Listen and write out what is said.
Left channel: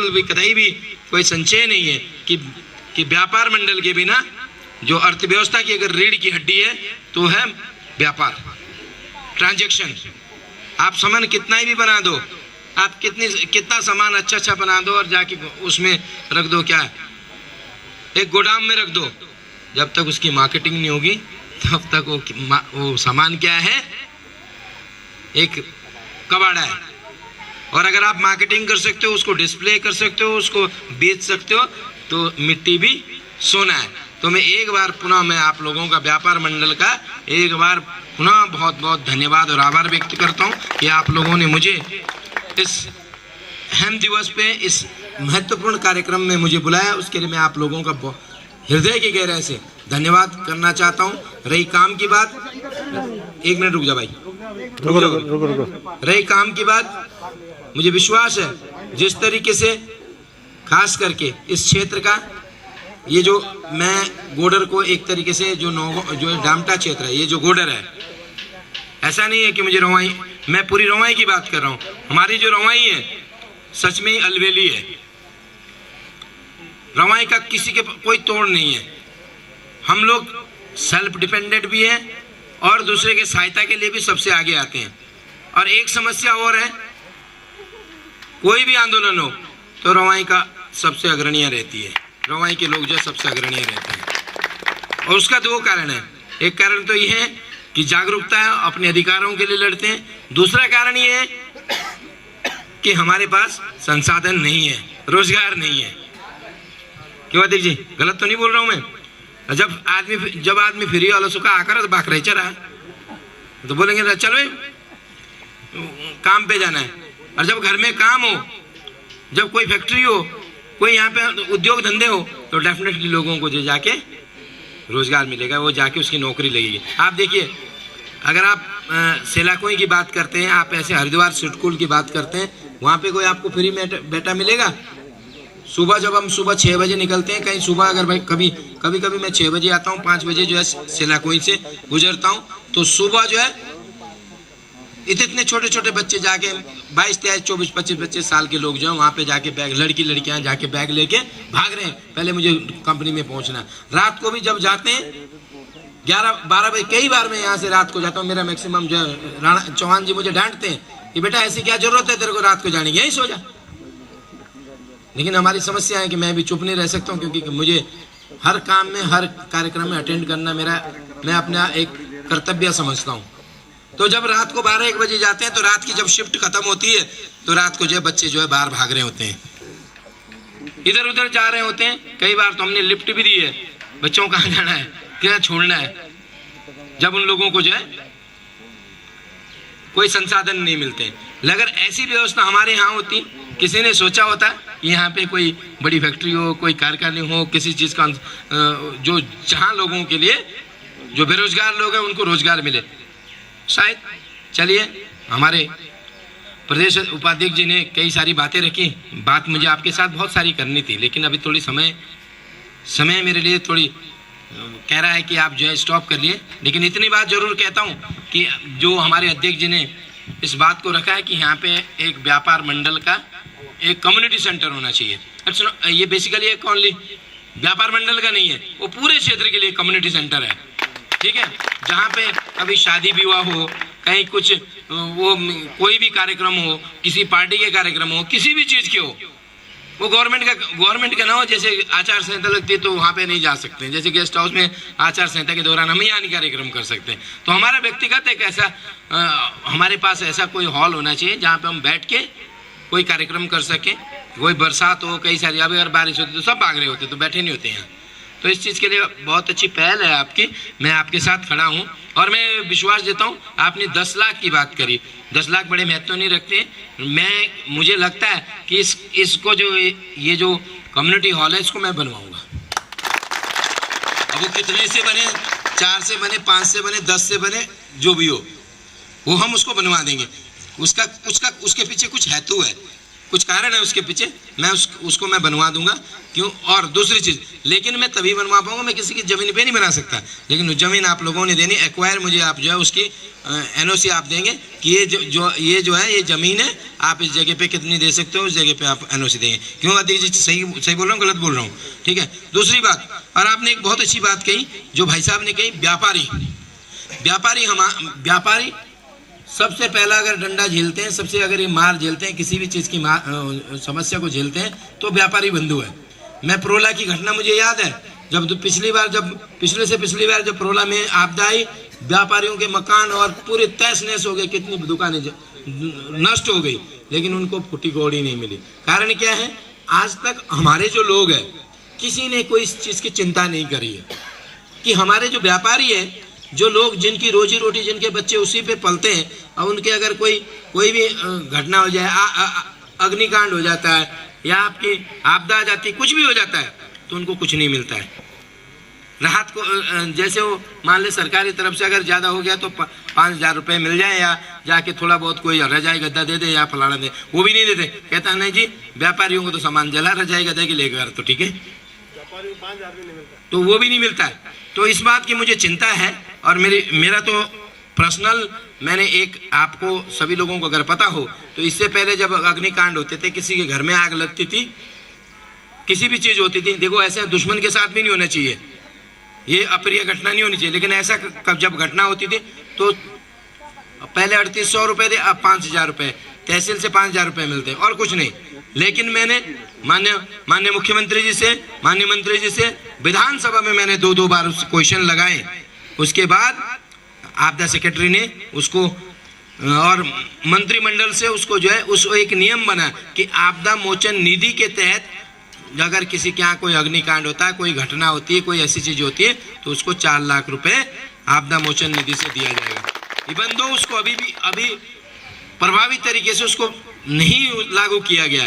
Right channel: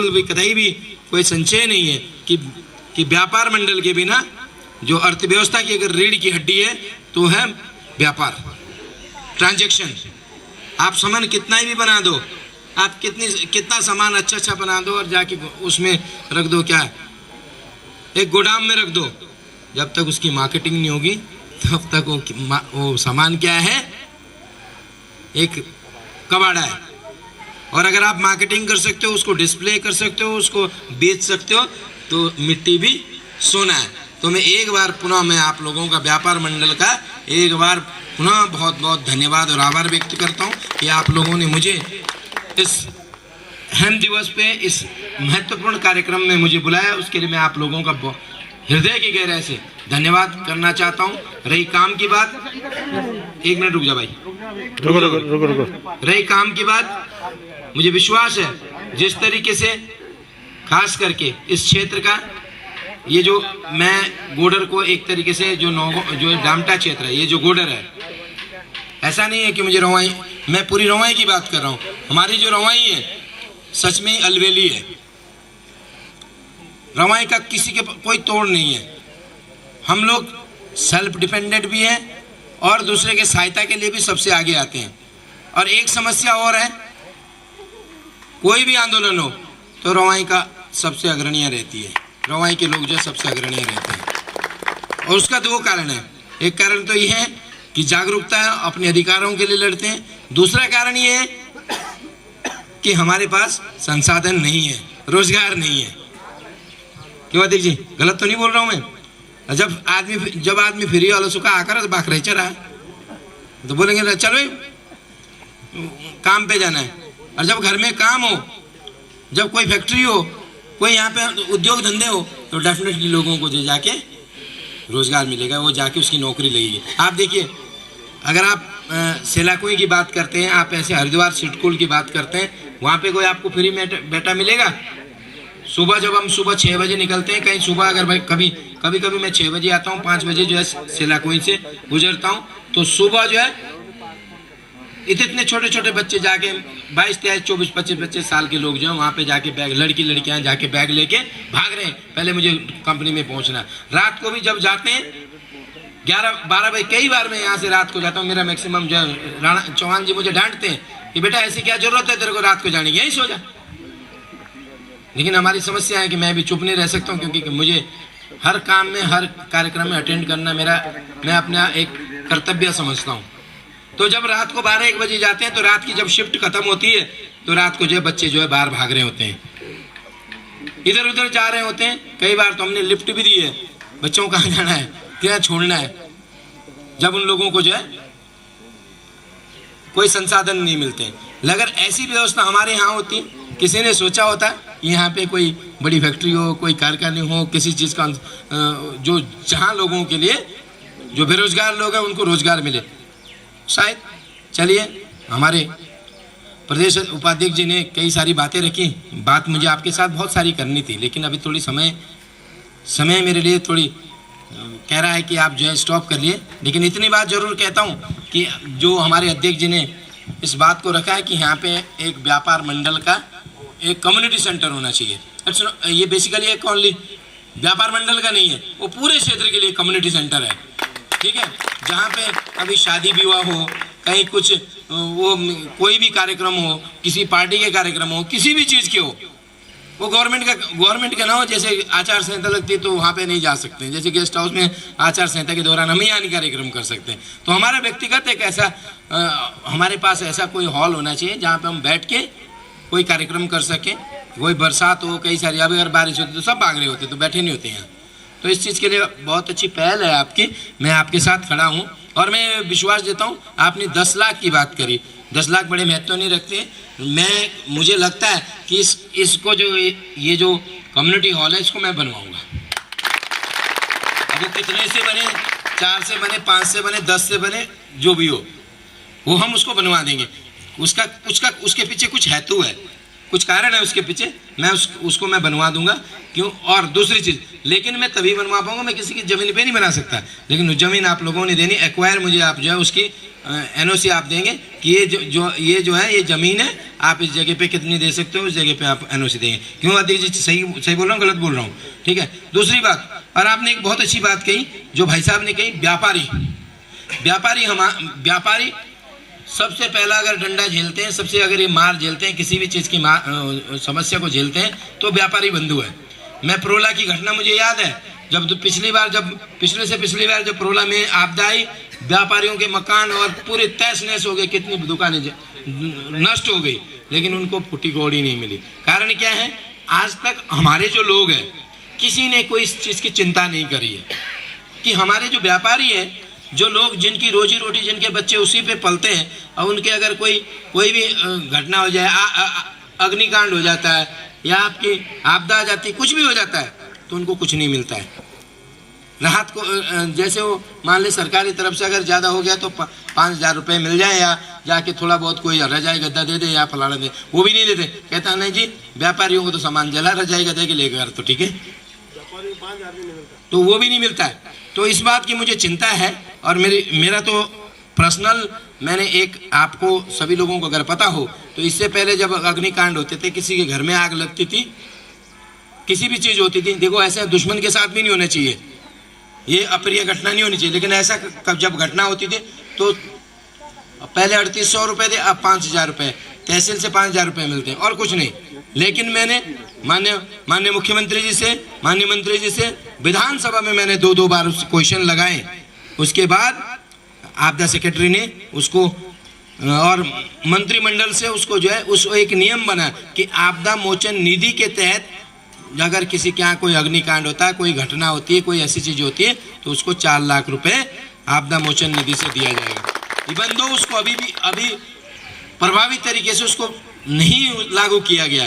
बिल्कुल भी कतई भी कोई संशय नहीं है कि व्यापार मंडल के बिना जो अर्थव्यवस्था की अगर रीढ़ की हड्डी है तो है व्यापार, ट्रांजैक्शन। आप सामान कितना ही भी बना दो, आप कितना सामान अच्छा बना दो और जाके उसमें रख दो, क्या एक गोदाम में रख दो, जब तक उसकी मार्केटिंग नहीं होगी तब तक वो सामान क्या है, एक कबाड़ा है। और अगर आप मार्केटिंग कर सकते हो, उसको डिस्प्ले कर सकते हो, उसको बेच सकते हो, तो मिट्टी भी सोना है। तो मैं एक बार पुनः मैं आप लोगों का व्यापार मंडल का एक बार पुनः बहुत बहुत धन्यवाद और आभार व्यक्त करता हूं कि आप लोगों ने मुझे इस हेम दिवस पे इस महत्वपूर्ण कार्यक्रम में मुझे बुलाया। उसके लिए मैं आप लोगों का हृदय की गहराई से धन्यवाद करना चाहता हूं। रही काम की बात, एक मिनट रुक जा भाई, रुको। रही काम की बात, मुझे विश्वास है जिस तरीके से खास करके इस क्षेत्र का ये जो मैं गोडर को एक तरीके से जो डामटा क्षेत्र है, ये जो गोडर है, ऐसा नहीं है कि मुझे रवाई, मैं पूरी रवाई की बात कर रहा हूँ। हमारी जो रवाई है सच में अलवेली है। रवाई का किसी के कोई तोड़ नहीं है। हम लोग सेल्फ डिपेंडेंट भी हैं और दूसरे के सहायता के लिए भी सबसे आगे आते हैं। और एक समस्या और है, कोई भी आंदोलन हो तो रवाई का सबसे अग्रणीय रहती है, रवाई के लोग जो सबसे अग्रणीय रहते हैं। और उसका दो कारण है। एक कारण तो ये है कि जागरूकता है, अपने अधिकारों के लिए लड़ते हैं। दूसरा कारण ये है कि हमारे पास संसाधन नहीं है, रोजगार नहीं है। क्यों अध्यक्ष जी, गलत तो नहीं बोल रहा हूँ मैं? जब आदमी फ्री वाला सुखा आकर तो बाक रह रहा तो बोलेंगे चलो काम पे जाना है। और जब घर में काम हो, जब कोई फैक्ट्री हो, कोई यहाँ पे उद्योग धंधे हो, तो डेफिनेटली लोगों को जो जाके रोजगार मिलेगा, वो जाके उसकी नौकरी लगेगी। आप देखिए, अगर आप सेलाकोई की बात करते हैं, आप ऐसे हरिद्वार सिटकुल की बात करते हैं, वहाँ पे कोई आपको फ्री में बेटा मिलेगा? सुबह जब हम सुबह 6 बजे निकलते हैं कहीं, सुबह अगर भाई कभी मैं 6 बजे आता हूँ, 5 बजे जो है सेलाकोई से गुजरता हूँ, तो सुबह जो है इतने छोटे छोटे बच्चे जाके 22, 23, 24, 25 साल के लोग जो हैं वहाँ पे जाके बैग, लड़कियाँ जाके बैग लेके भाग रहे हैं, पहले मुझे कंपनी में पहुँचना। रात को भी जब जाते हैं 11-12 बजे, कई बार मैं यहाँ से रात को जाता हूँ, मेरा मैक्सिमम जो है राणा चौहान जी मुझे डांटते हैं कि बेटा ऐसी क्या जरूरत है तेरे को रात को जाने की, यहीं सो जा। लेकिन हमारी समस्या है कि मैं भी चुप नहीं रह सकता हूँ, क्योंकि मुझे हर काम में, हर कार्यक्रम में अटेंड करना मैं अपना एक कर्तव्य समझता हूँ। तो जब रात को 12-1 बजे जाते हैं, तो रात की जब शिफ्ट खत्म होती है, तो रात को जो बच्चे जो है बाहर भाग रहे होते हैं, इधर उधर जा रहे होते हैं। कई बार तो हमने लिफ्ट भी दी है, बच्चों को कहाँ जाना है, क्या छोड़ना है, जब उन लोगों को जो है कोई संसाधन नहीं मिलते। अगर ऐसी व्यवस्था हमारे यहाँ होती, किसी ने सोचा होता कि यहाँ पे कोई बड़ी फैक्ट्री हो, कोई कारखाने हो, किसी चीज़ का जो जहाँ लोगों के लिए, जो बेरोजगार लोग हैं उनको रोजगार मिले, शायद। चलिए, हमारे प्रदेश उपाध्यक्ष जी ने कई सारी बातें रखी, बात मुझे आपके साथ बहुत सारी करनी थी, लेकिन अभी थोड़ी समय मेरे लिए थोड़ी कह रहा है कि आप जो है स्टॉप कर लिए। लेकिन इतनी बात जरूर कहता हूँ कि जो हमारे अध्यक्ष जी ने इस बात को रखा है कि यहाँ पे एक व्यापार मंडल का एक कम्युनिटी सेंटर होना चाहिए। अब सुनो, ये बेसिकली एक ओनली व्यापार मंडल का नहीं है, वो पूरे क्षेत्र के लिए कम्युनिटी सेंटर है, ठीक है। जहाँ पे कभी शादी विवाह हो, कहीं कुछ वो कोई भी कार्यक्रम हो, किसी पार्टी के कार्यक्रम हो, किसी भी चीज़ के हो, वो गवर्नमेंट का ना हो। जैसे आचार संहिता लगती है तो वहाँ पे नहीं जा सकते हैं, जैसे गेस्ट हाउस में आचार संहिता के दौरान हम यहाँ नहीं कार्यक्रम कर सकते हैं। तो हमारा व्यक्तिगत एक ऐसा हमारे पास ऐसा कोई हॉल होना चाहिए जहाँ पे हम बैठ के कोई कार्यक्रम कर सकें। कोई बरसात हो, कई सारी, अब अगर बारिश होती तो सब भाग रहे होते, तो बैठे नहीं होते यहाँ। तो इस चीज़ के लिए बहुत अच्छी पहल है आपकी, मैं आपके साथ खड़ा हूँ। और मैं विश्वास देता हूँ, आपने 10 लाख की बात करी, 10 लाख बड़े महत्व नहीं रखते। मुझे लगता है कि इसको जो ये जो कम्युनिटी हॉल है, इसको मैं बनवाऊँगा। अब वो कितने से बने, 4 से बने, 5 से बने, 10 से बने, जो भी हो, वो हम उसको बनवा देंगे। उसके पीछे कुछ हेतु है। कुछ कारण है उसके पीछे, मैं उसको मैं बनवा दूंगा। क्यों? और दूसरी चीज़, लेकिन मैं तभी बनवा पाऊंगा, मैं किसी की ज़मीन पे नहीं बना सकता, लेकिन ज़मीन आप लोगों ने देनी, एक्वायर मुझे आप जो है उसकी एनओसी आप देंगे कि ये जो है ये ज़मीन है, आप इस जगह पे कितनी दे सकते हो, उस जगह पे आप एनओसी देंगे। क्यों अध्यक्ष जी? सही बोल रहा हूँ, गलत बोल रहा हूँ? ठीक है। दूसरी बात, और आपने एक बहुत अच्छी बात कही जो भाई साहब ने कही, व्यापारी सबसे पहला अगर डंडा झेलते हैं, सबसे अगर ये मार झेलते हैं, किसी भी चीज़ की समस्या को झेलते हैं, तो व्यापारी बंधु है। मैं प्रोला की घटना मुझे याद है, जब पिछली बार जब प्रोला में आपदा आई, व्यापारियों के मकान और पूरे तहस नहस हो गए, कितनी दुकानें नष्ट हो गई, लेकिन उनको फूटी कौड़ी नहीं मिली। कारण क्या है? आज तक हमारे जो लोग हैं, किसी ने कोई इस चीज़ की चिंता नहीं करी है कि हमारे जो व्यापारी हैं, जो लोग जिनकी रोजी रोटी, जिनके बच्चे उसी पे पलते हैं, और उनके अगर कोई भी घटना हो जाए, अग्निकांड हो जाता है या आपकी आपदा आ जाती है, कुछ भी हो जाता है, तो उनको कुछ नहीं मिलता है। राहत को जैसे वो मान ले सरकारी तरफ से अगर ज़्यादा हो गया तो 5,000 रुपये मिल जाए, या जाके थोड़ा बहुत कोई रजाई गद्दा दे दे या फलाना दे, वो भी नहीं देते। कहता है नहीं जी, व्यापारियों को तो सामान जला, रजाई गद्दे के लेकर तो ठीक है, तो वो भी नहीं मिलता है। तो इस बात की मुझे चिंता है, और मेरा तो पर्सनल, मैंने एक, आपको सभी लोगों को अगर पता हो तो इससे पहले जब अग्निकांड होते थे, किसी के घर में आग लगती थी, किसी भी चीज़ होती थी, देखो ऐसा दुश्मन के साथ भी नहीं होना चाहिए, ये अप्रिय घटना नहीं होनी चाहिए, लेकिन ऐसा जब घटना होती थी तो पहले 3800 रुपये थे, अब 5,000 रुपये, तहसील से 5,000 रुपये मिलते हैं और कुछ नहीं। लेकिन मैंने माननीय मुख्यमंत्री जी से, माननीय मंत्री जी से विधानसभा में मैंने 2 बार क्वेश्चन लगाए। उसके बाद आपदा सेक्रेटरी ने उसको और मंत्रिमंडल से उसको जो है उस एक नियम बना कि आपदा मोचन निधि के तहत अगर किसी के यहाँ कोई अग्निकांड होता है, कोई घटना होती है, कोई ऐसी चीज़ होती है, तो उसको 4 लाख रुपए आपदा मोचन निधि से दिया जाएगा। इवन दो उसको अभी प्रभावी तरीके से उसको नहीं लागू किया गया।